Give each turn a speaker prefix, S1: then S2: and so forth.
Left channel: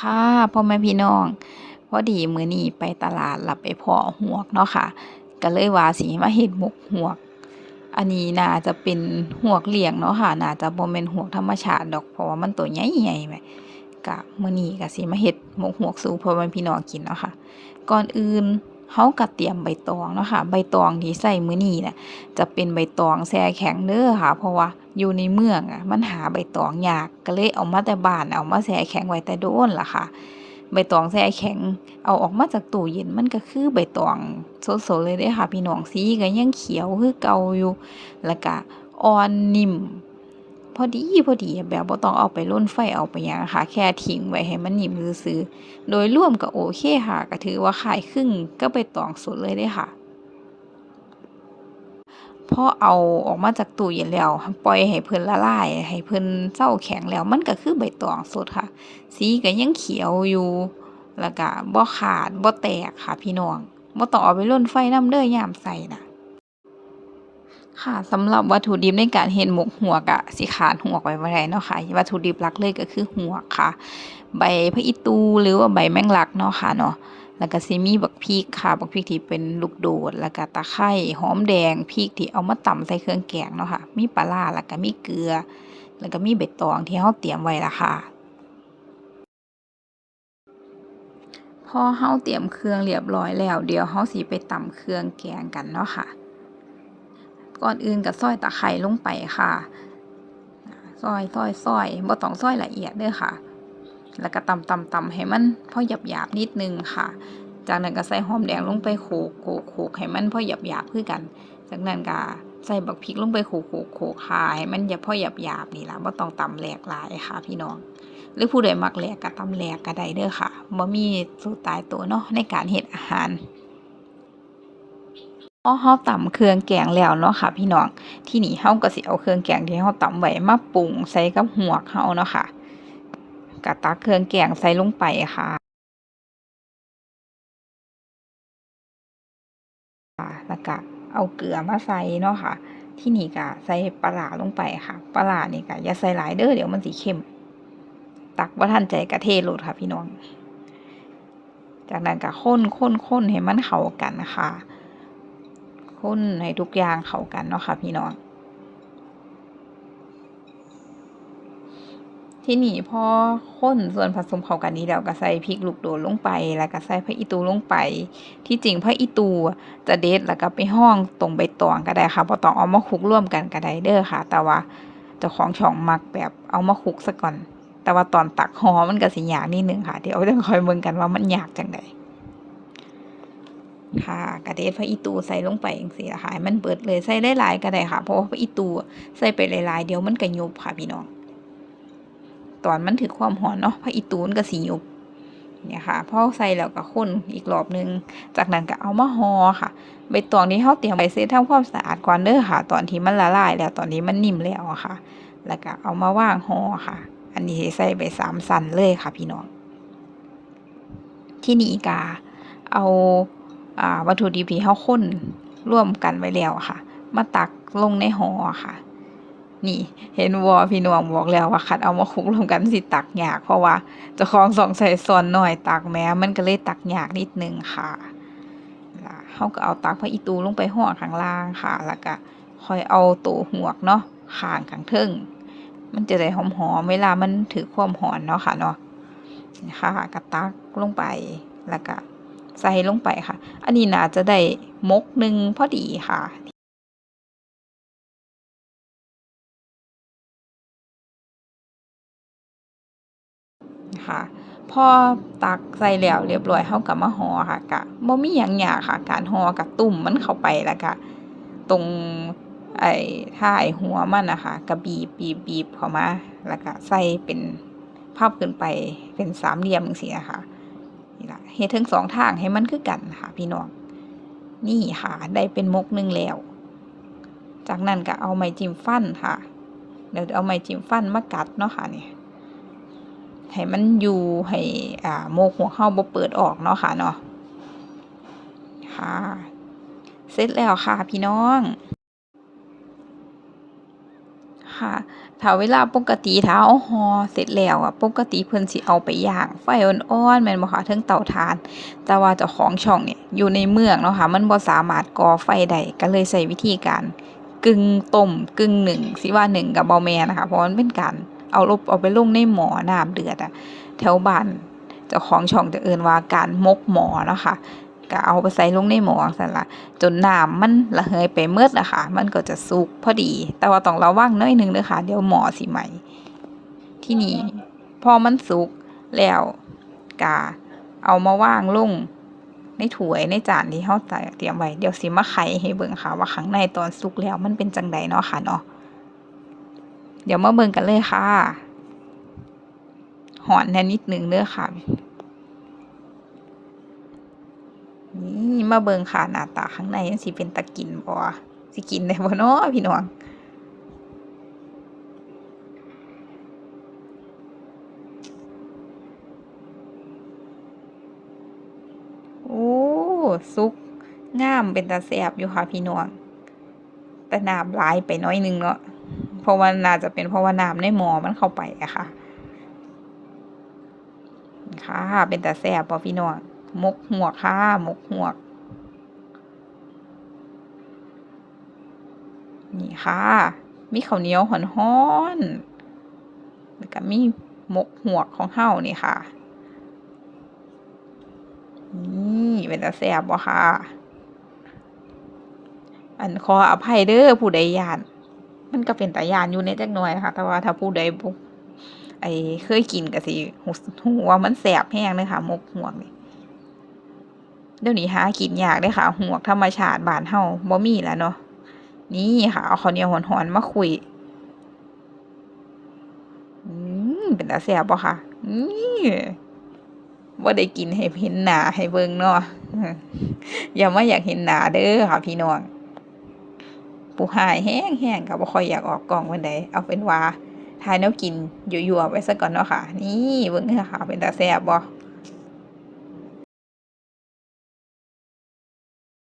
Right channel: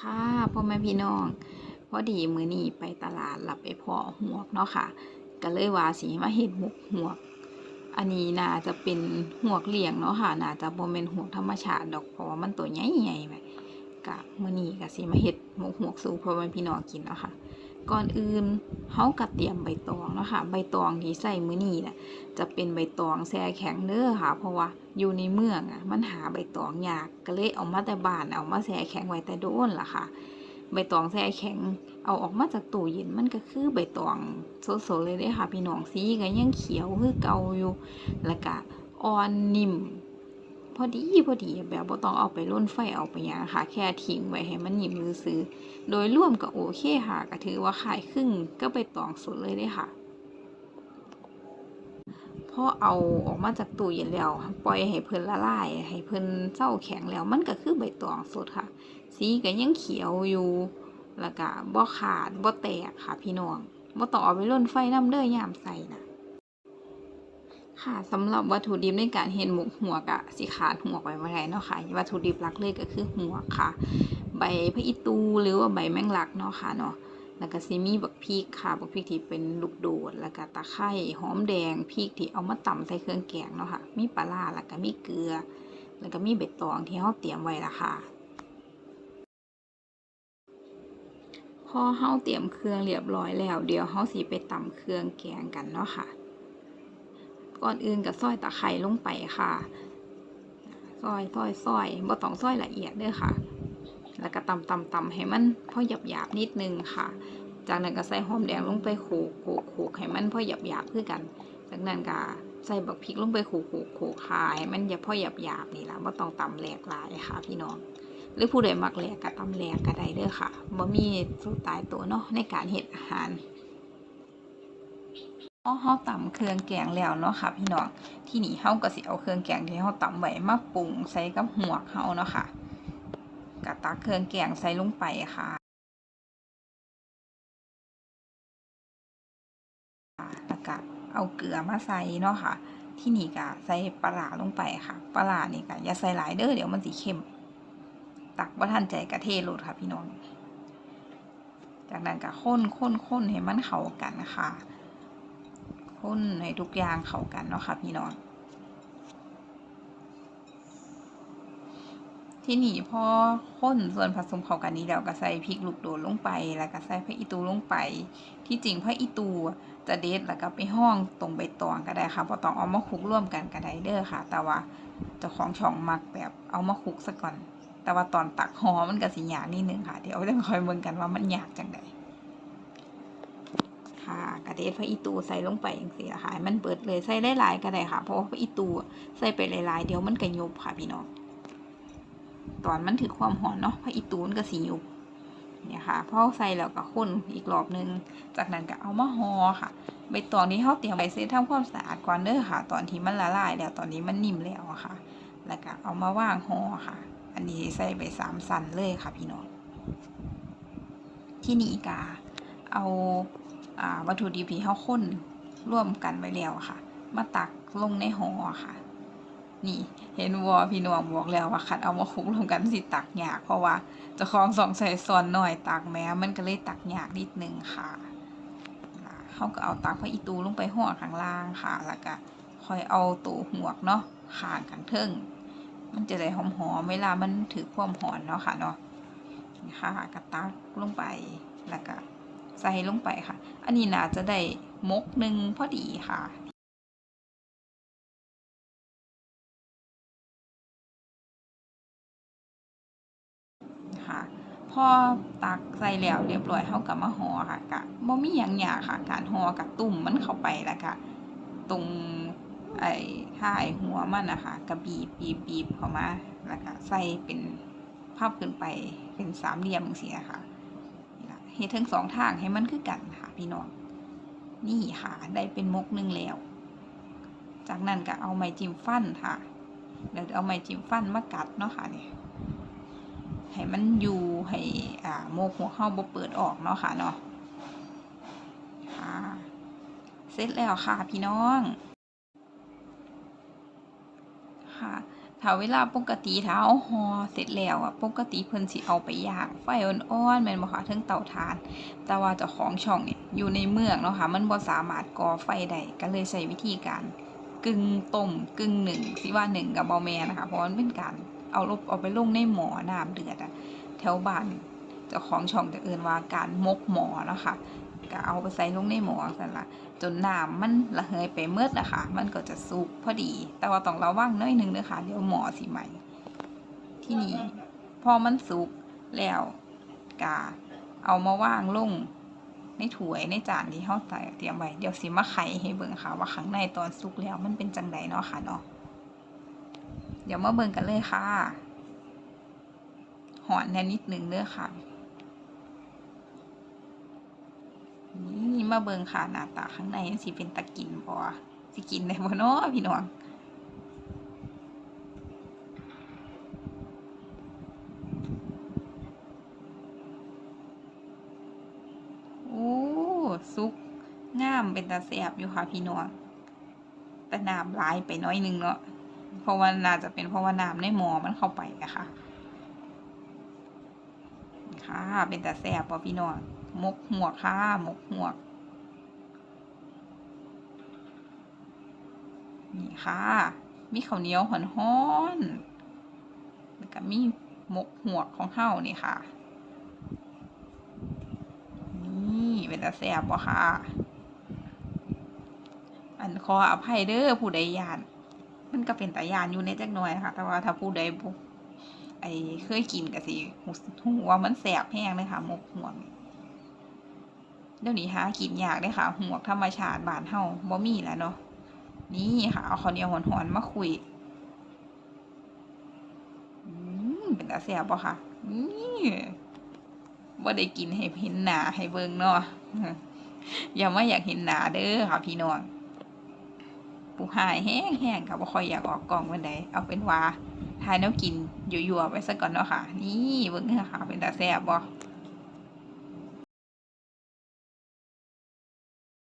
S1: ค่ะพ่อแม่พี่น้อง พอดีมื้อนี้ไปตลาดแล้วไปพ้อหวกเนาะค่ะ ก็เลยว่าสิมาเฮ็ดหมกหวก อันนี้น่าจะเป็นหวกเลี้ยงเนาะค่ะ น่าจะบ่แม่นหวกธรรมชาติดอกเพราะว่ามันตัวใหญ่ๆแหมก็มื้อนี้ก็สิมาเฮ็ดหมกหวกสู่พ่อแม่พี่น้องกินเนาะค่ะ ก่อนอื่นเฮาก็เตรียมใบตองเนาะค่ะ ใบตองที่ใช้มื้อนี้น่ะจะเป็นใบตองแช่แข็งเด้อค่ะ เพราะว่า อยู่ในเมืองอะมันหาใบตองยากก็เลยเอามาแต่บ้านเอามาแช่แข็งไว้แต่โดนล่ะค่ะ ใบตองแช่แข็ง เอาออกมาจากตู้เย็นมันก็คือใบตองสดๆเลยเด้ค่ะ พี่น้องสีก็ยังเขียวคือเก่าอยู่ แล้วก็อ่อนนิ่มพอดีพอดีแบบบ่ต้องเอาไปร่นไฟเอาไปยังค่ะ แค่ทิ้งไว้ให้มันนิ่มซื่อโดยรวมก็โอเคค่ะ ก็ถือว่าคล้ายคลึงกับใบตองสดเลยเด้ค่ะ พอเอาออกมาจากตู้เย็นแล้ว ปล่อยให้เพิ่นละลาย ให้เพิ่นเซาแข็งแล้ว มันก็คือใบตองสดค่ะ สีก็ยังเขียวอยู่ แล้วก็บ่ขาดบ่แตกค่ะพี่น้องบ่ต้องเอาไปร่นไฟน้ำเด้อยามใส่น่ะค่ะสำหรับวัตถุดิบในการเฮ็ดหมกหัวกะสิขาดหวกไว้บ่ได้เนาะค่ะวัตถุดิบหลักเลยก็คือหัวค่ะ ใบผักอีตูหรือว่าใบแมงลักเนาะค่ะเนาะ แล้วก็สิมีบักพริกค่ะ บักพริกที่เป็นลูกโดด แล้วก็ตะไคร้หอมแดงพริกที่เอามาตำใส่เครื่องแกงเนาะค่ะ มีปลาร้าแล้วก็มีเกลือ แล้วก็มีใบตองที่เราเตรียมไว้ละค่ะพอเราเตรียมเครื่องเรียบร้อยแล้ว เดี๋ยวเราสิไปตำเครื่องแกงกันเนาะค่ะ ก่อนอื่นก็ซอยตะไคร้ลงไปค่ะซอยซอยซอยบ่ต้องซอยละเอียดเด้อค่ะ แล้วก็ตำตำตำให้มันพอหยาบนิดนึงค่ะ จากนั้นก็ใส่หอมแดงลงไปโขกโขกโขกให้มันพอหยาบๆคือกัน จากนั้นก็ใส่บักพริกลงไปโขกโขกโขกค่ะให้มันอย่าพอหยาบนี่ละบ่าต้องตำแหลกหลายค่ะ พี่น้อง หรือผู้ใดมักแหลกก็ตำแหลกก็ได้เด้อค่ะบ่มีสูตรตายตัวเนาะในการเฮ็ดอาหารพอเราตำเครื่องแกงแล้วเนาะค่ะ พี่น้องที่นี้เราก็สิเอาเครื่องแกงที่เราตำไว้มาปรุงใส่กับหวเราเนาะค่ะ ก็ตักเครื่องแกงใส่ลงไปค่ะ แล้วก็เอาเกลือมาใส่เนาะค่ะ ที่นี่ก็ใส่ปลาลงไปค่ะ ปลานี่ก็อย่าใส่หลายเด้อเดี๋ยวมันสิเค็มตักบ่ทันใจก็เทโลดค่ะพี่น้อง จากนั้นก็คนคนคนให้มันเข้ากันค่ะคนให้ทุกอย่างเข้ากันเนาะค่ะพี่น้อง ที่นี่พอคนส่วนผสมเข้ากันนี้แล้วก็ใส่พริกลูกโดดลงไป แล้วก็ใส่ผักอีตูลงไป ที่จริงผักอีตูจะเด็ดแล้วก็ไปห้องตรงใบตองก็ได้ค่ะบ่ต้องเอามาคลุกร่วมกันก็ได้เด้อค่ะ แต่ว่าเจ้าของช่องมักแบบเอามาคลุกซะก่อน แต่ว่าตอนตักหอมันก็สิยากนิดนึงค่ะ เดี๋ยวต้องคอยเบิ่งกันว่ามันยากจังไดค่ะกระเด็ดผักอีตูใส่ลงไปจังซี่ล่ะค่ะมันเบิดเลยใส่หลายๆก็ได้ค่ะ เพราะว่าผักอีตูใส่ไปหลายๆ เดี๋ยวมันก็ยุบค่ะพี่น้อง ตอนมันถึงความหอนเนาะผักอีตูนก็สิยุบเนี่ยค่ะพอใส่แล้วก็คนอีกรอบนึง จากนั้นก็เอามาห่อค่ะใบตองที่เราเตรียมไว้เสร็จทำความสะอาดก่อนเด้อค่ะ ตอนที่มันละลายแล้วตอนนี้มันนิ่มแล้วค่ะ แล้วก็เอามาวางห่อค่ะ อันนี้ใส่ไปสามสันเลยค่ะพี่น้องที่นี่กาเอาวัตถุดิบที่เราข้นร่วมกันไว้แล้วค่ะ มาตักลงในห่อค่ะ นี่ เห็นวอพี่น้องบอกแล้วว่าคัดเอามาคลุกรวมกันสิตักยากเพราะว่าจ้าของสองใส่ซอนหน่อยตักแม้มันก็เลยตักยากนิดนึงค่ะแล้วเขาก็เอาตักพระอีตูลงไปห่อข้างล่างค่ะ แล้วก็ค่อยเอาตัวหวกเนาะข้างข้างเทิงมันจะได้หอมๆเวลามันถือความหอนเนาะค่ะเนาะนะค่ะก็ตักลงไปแล้วก็ใส่ลงไปค่ะ อันนี้น่าจะได้มกหนึ่งพอดีค่ะ ค่ะ พอตักใส่แล้วเรียบร้อยเฮาก็มาห่อค่ะก็บ่มีหยังยากค่ะ การห่อก็ตุ่มมันเข้าไปแล้วก็ตรงไอ้ท้ายหัวมันนะคะก็บีบบีบบีบเข้ามาแล้วก็ใส่เป็นพับขึ้นไปเป็นสามเหลี่ยมจังซี่อะค่ะนี่ล่ะเฮ็ดทั้งสองทางให้มันคือกันค่ะ พี่น้องนี่ค่ะได้เป็นมกหนึ่งแล้ว จากนั้นก็เอาไม้จิ้มฟันค่ะ เดี๋ยวเอาไม้จิ้มฟันมากัดเนาะค่ะเนี่ย ให้มันอยู่ให้อ่าโมกหัวเข้าบ่เปิดออกเนาะค่ะเนาะค่ะ เสร็จแล้วค่ะพี่น้อง ค่ะถ้าเวลาปกติถ้าเอาห่อเสร็จแล้วอะปกติเพิ่นสิเอาไปย่างไฟอ่อนๆแม่นบ่คะเทิงเตาถ่าน แต่ว่าเจ้าของช่องเนี่ยอยู่ในเมืองเนาะค่ะมันบ่สามารถก่อไฟได้ก็เลยใช้วิธีการกึ่งต้มกึ่งหนึ่งสิว่านึ่งก็บ่แม่นนะคะเพราะมันเป็นการ เอาลบเอาไปลงในหมอน้ำเดือดอะแถวบ้านเจ้าของช่องจะเอินว่าการมกหมอเนาะค่ะก็เอาไปใส่ลงในหมอสั่นละจนน้ำมันระเหยไปเมืดอะค่ะ มันก็จะสุกพอดี แต่ว่าต้องระวังน้อยหนึงเด้อค่ะ เดี๋ยวหมอสิไหม้ที่นี่พอมันสุกแล้วกาเอามาวางลงในถ้วยในจานที่เฮาเตรียมไว้เดี๋ยวสิมาไขให้เบิ่งค่ะ ว่าข้างในตอนสุกแล้วมันเป็นจังใดเนาะค่ะเนาะ เดี๋ยวมาเบิ่งกันเลยค่ะ หอนแน่นิดนึงเด้อค่ะ นี่มาเบิงค่ะหน้าตาข้างในมันสิเป็นตะกินบ่สิกินได้บ่เนาะพี่น้องโอ้สุกงามเป็นตาแซ่บอยู่ค่ะพี่น้องแต่น้ำลายไปน้อยนึงเนาะ เพราะว่าน่าจะเป็นเพราะว่าน้ำในหมอมันเข้าไปอะค่ะ ค่ะ เป็นแตาแซ่บบ่พี่น้องมกหัวค่ะมกหัวนี่ค่ะ มีข้าวเหนียวหอนๆแล้วก็มีมกหัวของเฮานี่ค่ะ นี่เป็นตาแซ่บบ่ค่ะ อันขออภัยเด้อผู้ใดยาน มันก็เป็นตายานอยู่ในจักหน่อยนะคะ แต่ว่าถ้าผู้ใดบ่ไอ้เคยกินก็สิฮู้ฮู้ว่ามันแซ่บแฮงเลยค่ะมกหัวกนี่เดี๋ยวนี้หากินยากเด้อค่ะหัวกธรรมชาติบานเฮาบ่มีแล้วเนาะนี่ค่ะเอาข้าวเหนียวหอนๆมาคุยอืมเป็นตาแซ่บบ่ค่ะนี่บ่าได้กินให้เห็นหนาให้เบิ่งเนาะอย่ามาอยากเห็นหนาเด้อค่ะพี่น้อง ผู้หายแห้งๆก็บ่ค่อยอยากออกกล่องปานใดเอาเป็นว่าทายแนวกินยั่วๆไว้ซะก่อนเนาะค่ะ นี่เบิ่งเด้อค่ะเป็นตาแซ่บบ่